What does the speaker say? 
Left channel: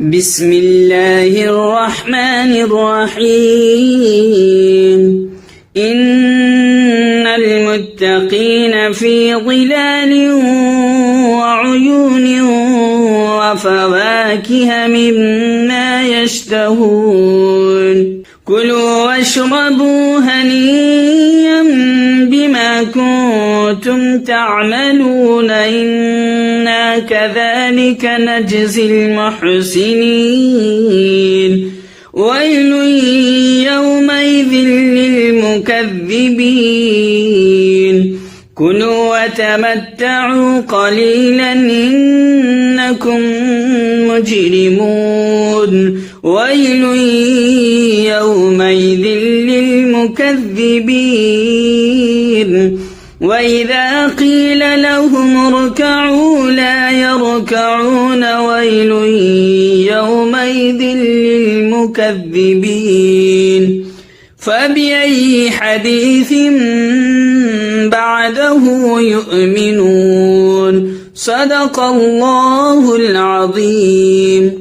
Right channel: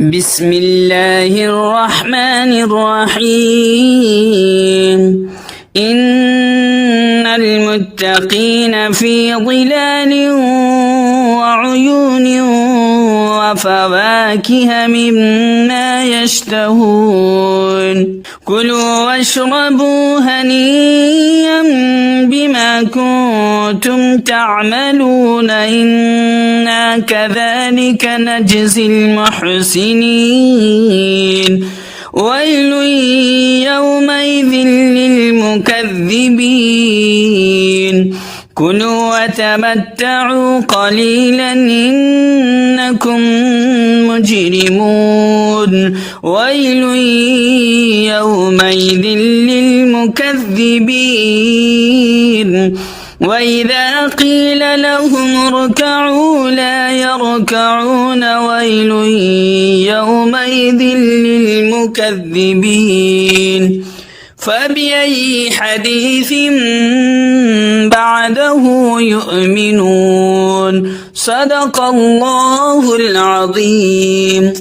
بسم الله الرحمن الرحيم إن المتقين في ظلال وعيون وفواكه مما يشتهون كلوا واشربوا هنيئا بما كنتم تعملون إنا كذلك نجزي المحسنين ويل يومئذ للمكذبين كلوا وتمتعوا قليلا إنكم مجرمون ويل يومئذ للمكذبين وإذا قيل لهم اركعوا لا يركعون ويل يومئذ للمكذبين فبأي حديث بعده يؤمنون صدق الله العظيم.